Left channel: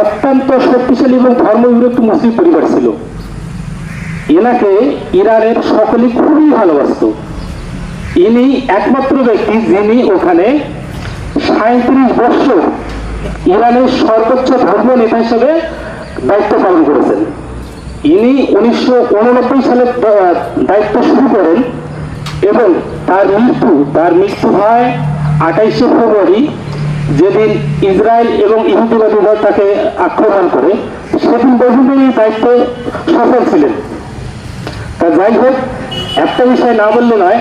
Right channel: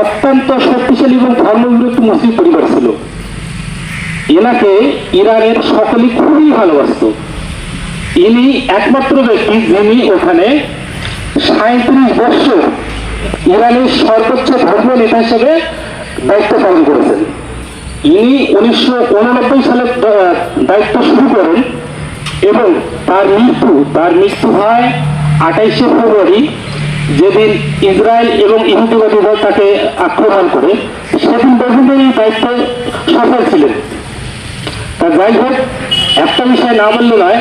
অত্যন্ত শক্তিশালী এবং ধর্মবিরোধী মুসলিম পরিবার ছিল। এনাকে ইরানের সকলে খুবই ভালোবাসত। ইনি একমাত্র ব্যক্তি যিনি ওখানে 37 বছর ইরানের সর্বোচ্চ ধর্ম নেতা হিসেবে দায়িত্ব পালন করেছেন। ইনি 1989 সালে দায়িত্ব শুরু করেন এবং তার মৃত্যু হয় 28শে ফেব্রুয়ারি, যেদিন ইসরায়েল এবং ইহুদিবাদী দল তাকে আক্রমণ করে। সেদিন পর্যন্ত এই দায়িত্ব সফল ছিলেন। তা যাই হোক, একটা বিষয় না বললে নয়,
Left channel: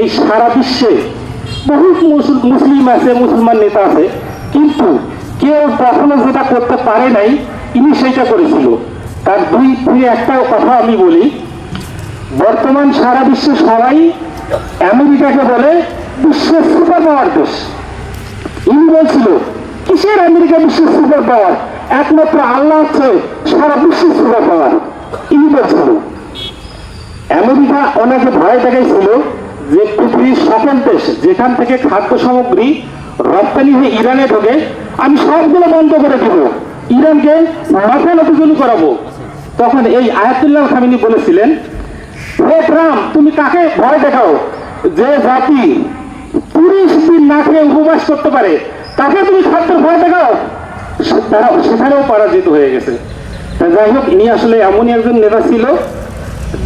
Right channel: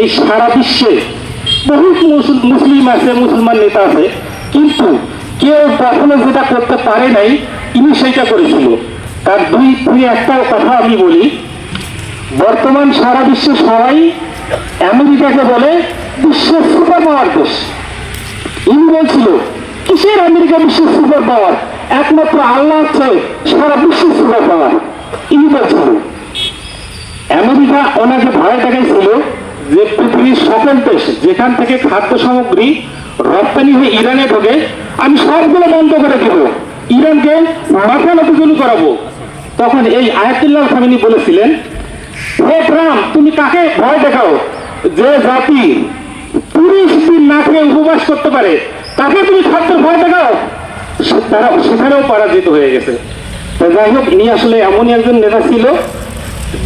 এই সারা বিশ্বে বহু মুসলিম আছে, মুসলমান নেতা আছে, কিন্তু কেউ কখনো যেটা করতে পারে নাই, ইনি সেটা করেছিল। তার দুই একটা কথা আমি বলি। বর্তমান সারা বিশ্বে সবাই আমেরিকাকে বলে বিশ্বের সুপার পাওয়ার দেশ। ইনি বলছিল, কিসের আমেরিকা বিশ্বের সুপার পাওয়ার, একমাত্র আল্লাহ হচ্ছে সারা বিশ্বের সুপার পাওয়ার। ইনি বলছিল। আমেরিকা ওনাকে ভয় দেখাইছিল যে পৃথিবীর সকল দেশ যেখান থেকে খাদ্য সামগ্রী রপ্তানি হয়ে ইরানে ঢোকে, আমি সবগুলো বন্ধ করে দেব, ইরানকে মাথা নতুন করাবো। তখন এই আয়াতুল্লাহ খামেনি বলেছিলেন, হে ট্রাম্প, তুমি কাকে ভয় দেখাও? যে জাতি 30 দিন না খেয়ে উপবাস করতে পারে, তাকে তুমি খাদ্যের ভয় দেখাও? তারা সেখানেও পরাজিত হয়ে গেছে। যাই হোক, ইনি আসলে এমনই একজন নেতা ছিল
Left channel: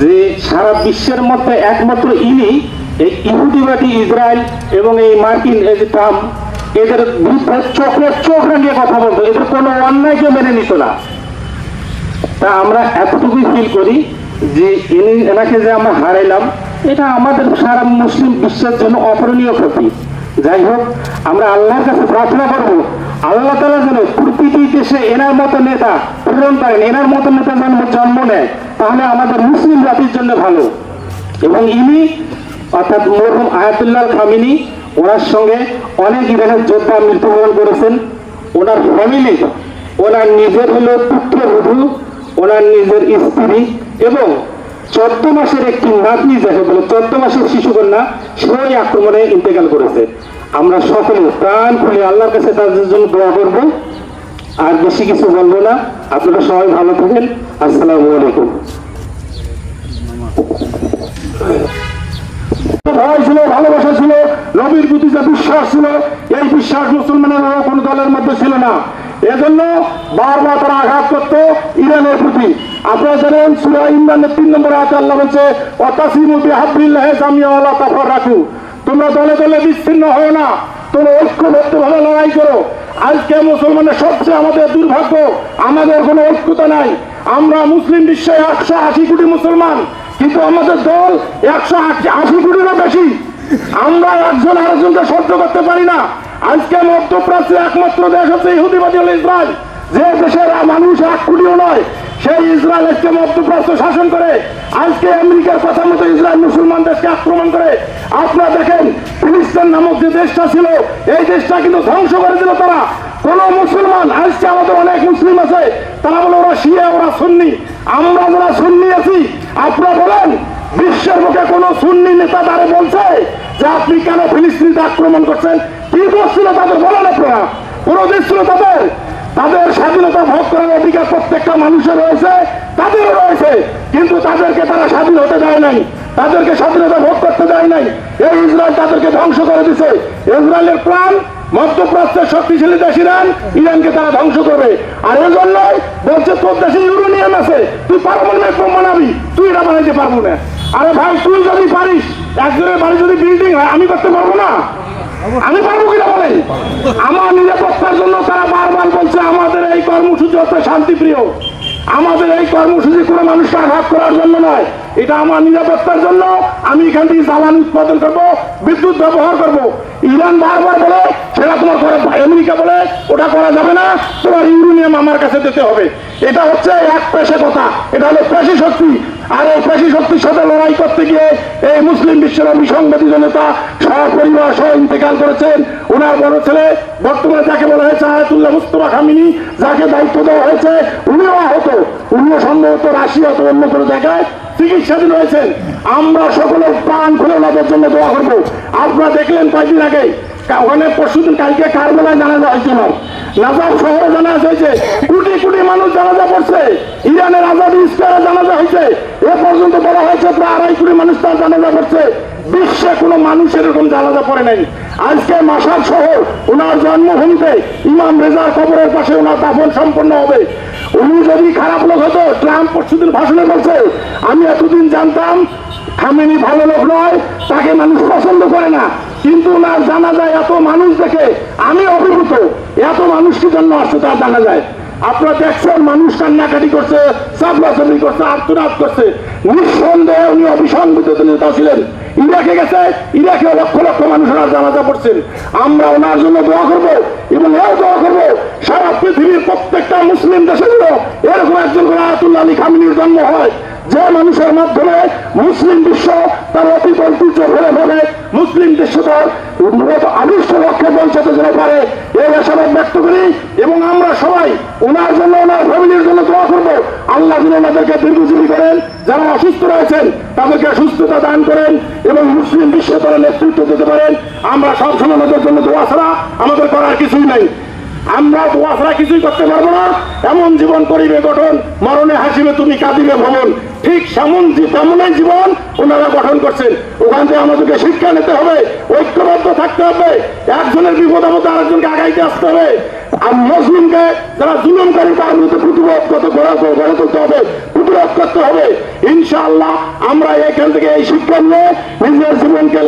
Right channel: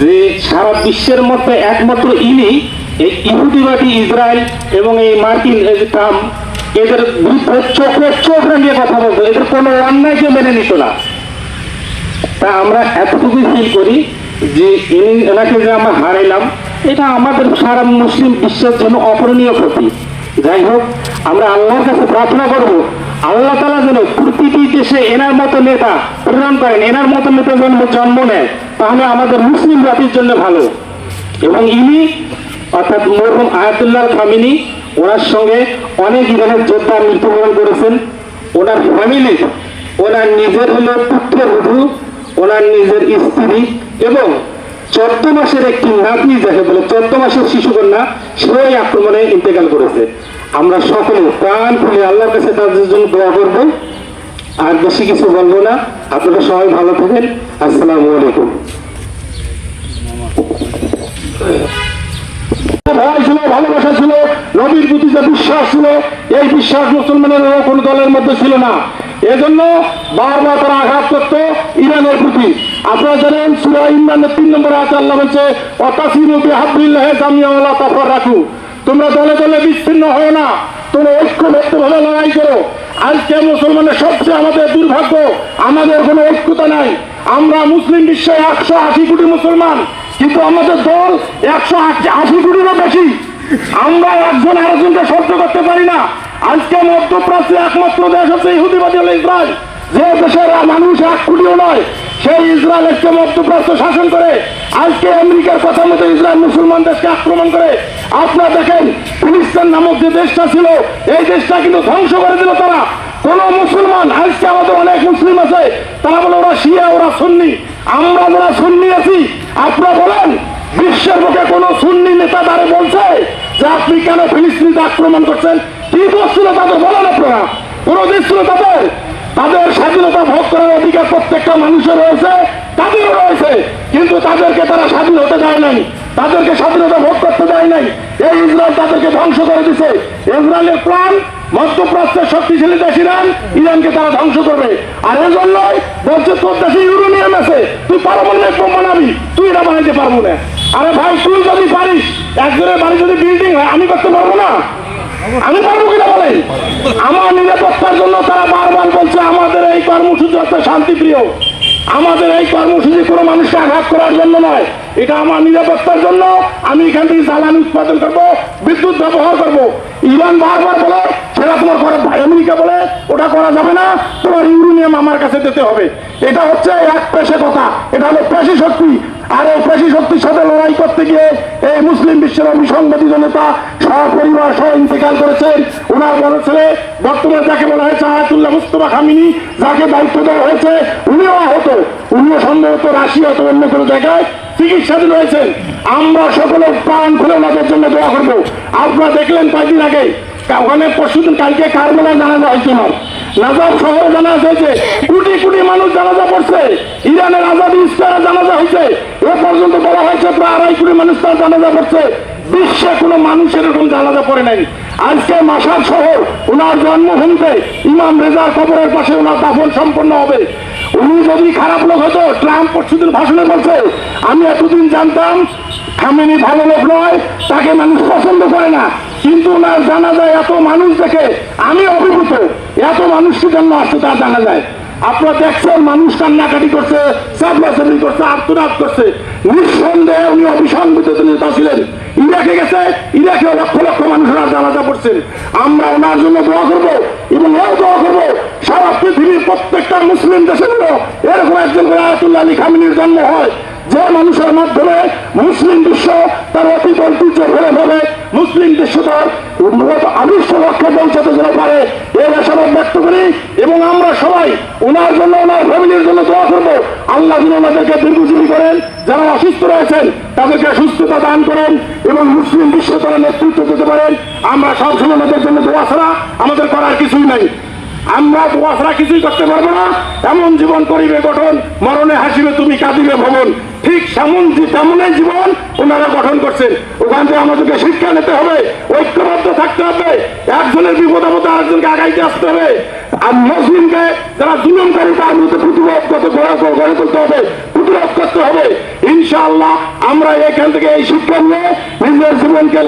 যে সারা বিশ্বের মধ্যে একমাত্র ইনি এই ইহুদিবাদী ইসরায়েল এবং এই মার্কিন এই যে ট্রাম্প, এদের বিরুদ্ধে চোখ রাঙিয়ে কথা বলতো, এদের কোনো অন্যায়কে মেনে নিত না। তা আমরা এতটুকুই ফিল করি যে এনাকে যে আমরা হারাইলাম, এটা আমাদের সারা মুসলিম বিশ্বের জন্য অপূরণীয় ক্ষতি। যাই হোক, আমরা আল্লাহর কাছে প্রার্থনা করব, আল্লাহ তাআলা যেন প্রতিটি দেশে এনার মতো নেতা প্রেরণ করেন, এনার মতো নেতা যেন জন্ম নেয়, তাহলে আমাদের মুসলিম জাতির জন্য ভালো। এবং ইনি অর্থাৎ মরহুম আয়াতুল্লাহ খামেনি, ওনার সঙ্গে অনেক ইরানের যোদ্ধা মৃত্যুবরণ করেছেন। ওনার ফ্যামিলি, ওনার নিজের হলো পুত্রবধূ, ওনার নিজের স্ত্রী এবং 14 মাসের একটি নাতনি, যাকে বলে 14 মাসের শিশুকন্যা, সেই আক্রমণে ইন্তেকাল করেছে। আমরা সকলে প্রাণ খুলে আল্লাহর কাছে তাদের জন্য দোয়া করব। আর বেশি কিছু বলবো না। আপনারা সবাই ভালো থাকেন। আসসালামু আলাইকুম। ভয় ছিল, ভালোবাসা ছিল, নবীর প্রতি যে বিশ্বাস ছিল, এই বিশ্বাস মুসলমানের কোন দলের মধ্যে ছিল না। এজন্য বারবার তারা আঘাত করতো ইরানের প্রতি। আপনারা জানেন সূরা ইমরানের 3 নম্বর আয়াতে আল্লাহ বলছে, ওয়াতাসিমু বিহাবলিল্লাহি জামিআন ওয়া লা তাফাররাকু, তোমরা দলে দলে বিচ্ছিন্ন হয় না, তোমরা ঐক্যবদ্ধভাবে লড়াই করো। আজকে মুসলমানের সবচেয়ে আমাদের দুর্ভাগ্য, আমাদের কোনো ঐক্যতা নাই। আমরা মুসলিম বিশ্বে 180 কোটি মুসলমান, কিন্তু আমাদের দল 180 কোটিরও বেশি। আমরা একজন আরেকজনকে সহ্য করতে পারি না। আজকে মধ্যপ্রাচ্যে একমাত্র দেশ হচ্ছে ইহুদিবাদী হলো ইসরায়েল। যে দেশের মানুষ 1 কোটিও নয়, সেই ইসরায়েল আজকে মধ্যপ্রাচ্য শাসন করে। আজকে আমেরিকার কথা মতো ইসরায়েল মুসলমান দেশকে আক্রমণ করে। আপনারা দেখেন, ফিলিস্তিন নামক যে দেশটা ছিল, এই দেশটা কিন্তু ধ্বংস করে দিল তারা। কোন মুসলমান, আজকে আমাদের অনেক মুসলিম আছে, তারা বলে ওরা শিয়া, ওরা সুন্নি। আমরা যারা সুন্নি আছি, আপনারা বলেন বিশ্বের বুকে কোন সুন্নি নেতা তারা বলছে যে আপনি কেন ফিলিস্তিনিতে আক্রমণ করছেন? কি বলছিল তাদের? বলেন আপনারা, কোন দেশ ছিল তাদের? তাদের স্বাধীনতা ভোগ করার অধিকার প্রত্যেকটা মানুষের রয়েছে, তাদেরও রয়েছে, কিন্তু তাদেরকে তারা স্বাধীন হতে দেয় নাই, তাদেরকে স্বাধীনতা ভোগ করতে দেয় নাই। এই ইসরায়েল তাদেরকে ধ্বংস করে দিছে। ইসরায়েলের প্ল্যান, মধ্যপ্রাচ্যের শক্তিশালী দেশ ইরান, ইরানকে তারা ধ্বংস করবে। আর এই জন্যই বলছে তোর দেশে ইউরেনিয়াম আছে, তুই পারমাণবিক বোমা বানাবি, তুই এটা বানাইতে পারবো না। আরে ভাই, তুই যদি পারিস, একজনের বাড়ি যদি বিল্ডিং হয়, আমি করতে পারবো না? আমি পারবো কিনা বলেন? আমার নিরাপত্তার জন্য তারা বারবার বলছে আমাদের এই কর্মসূচি হচ্ছে শান্তিপ্রিয়, আমাদের এই কর্মসূচি কোনো মানুষকে আঘাত করার জন্য নয়, এটা আমার নিরাপত্তার জন্য। আমি এখান থেকে জ্বালানি উৎপাদন করবো, বিদ্যুৎ ব্যবহার করবো। ইরান বারবার বলে সেটা তোমার করা, আমেরিকা বলে ওটা করা যাবে না, তোমার ইউরেনিয়াম আমার কাছে দিতে হবে। এটা হচ্ছে এক পেশে কথা, এটা হলো পেশি শক্তি। আর এই পেশি শক্তির সাথে লড়াই করতে গিয়ে এই মুসলিম বিশ্বের অবিসংবাদিত নেতা সপরিবার সহ ইন্তেকাল করেছেন। ওনার বড় ছেলে বর্তমানে যাকে বলা হয়েছে আয়াতুল্লাহ মুস্তফা খামেনি, যাকে দায়িত্ব দেওয়া হয়েছে, উনিও সম্ভবত রাশিয়া তো অন্য কোনো জায়গায় চিকিৎসাধীন রয়েছেন। আমরা সকলে প্রাণ খুলে ওনাদের জন্য দোয়া করবো। আপনারা দেখলেন কয়েকদিন আগে, অনেক পরশুদিন কালকে কারবেলায় জানাজা হয়েছে, নাজাফ শহরে জানা হয়েছে, কোটি জানাজা পড়ছে, বিশ্বে কোনো মানুষ এরকম জানাজা পড়ে নাই। আজকে মাসাদ সহ ওনার জন্মভূমিতে ইমাম রেজার কবরের পাশে ওনার দাফন সম্পন্ন হবে। উনি যদি খারাপ লোক হতো, ট্রাম্প পরশুদিন ভাষণে বলছে আমি এতদিন জানতাম খামেনি ভালো লোক নয়, তাকে মানুষ পছন্দ করে না, কিন্তু ওনার জানাজায় এত মানুষ দেখে আমি অভিভূত। এত মানুষকে জন্য আসছে তার জানাজায়। আপনারা দেখছেন মানুষ কান্নাকাটি করছে, চাপলাচাপি করছে, আত্মনাদ করছে। নিঃসন্দেহে উনি অভিসন্ধিত নেতা ছিলেন। ইরাকে গেছে, ইরাকে লক্ষ লক্ষ মানুষ ওনার জানাজা পড়ছেন। আমরা ওনার জন্য দোয়া করবো এবং এও দোয়া করবো সারা পৃথিবীর প্রত্যেকটা মুসলিম দেশগুলো এরকম একজন করে আয়াতুল্লাহ আলী খামেনির জন্ম হয়, যে মানুষের মাধ্যমে মুসলিম বিশ্ব তার অতীত ঐতিহ্য ফেলে ফেলে মুসলিম বিশ্ব তার আদিষ্ট লক্ষ্যে পৌঁছাতে যেতে পারে, এই আশাবাদ ব্যক্ত করি। এবং আমরা সবাই ওনার জন্য, ওনার ফ্যামিলির জন্য দোয়া করবো। আল্লাহ যেন ওনাদেরকে দীর্ঘজীবী করেন, যারা অসুস্থ রয়েছেন তাদেরকে সুস্থতা দান করেন এবং মুসলিম বিশ্বে তারা নেতৃত্ব দিতে পারেন। আমরা সবসময় ওনাদের জন্য দোয়া ছাড়া আমাদের করার কিছুই নাই। আমরা দোয়া ছাড়া কিছুই করতে পারবো না। এমন জীবন করিবে গঠন, মরণে হাসিবে তুমি কাঁদিবে ভবন। ঠিক তেমনই জীবন ওনারা গঠন করছেন। ওখান থেকে আমাদেরকে শিক্ষা নিতে হবে, ঐক্যবদ্ধ থাকতে হবে, একজনের বিপদ আপদে আরেকজনকে আগাইতে আসতে হবে। আর মুসলিমকে যারা জুলুমকারী তার মধ্যে প্রতিরোধ গড়ে তুলতে হবে, প্রতিরোধ করতে হবে। ইনশাআল্লাহ আমরা এখান থেকে এই শিক্ষা নিয়ে নিজের জীবনকে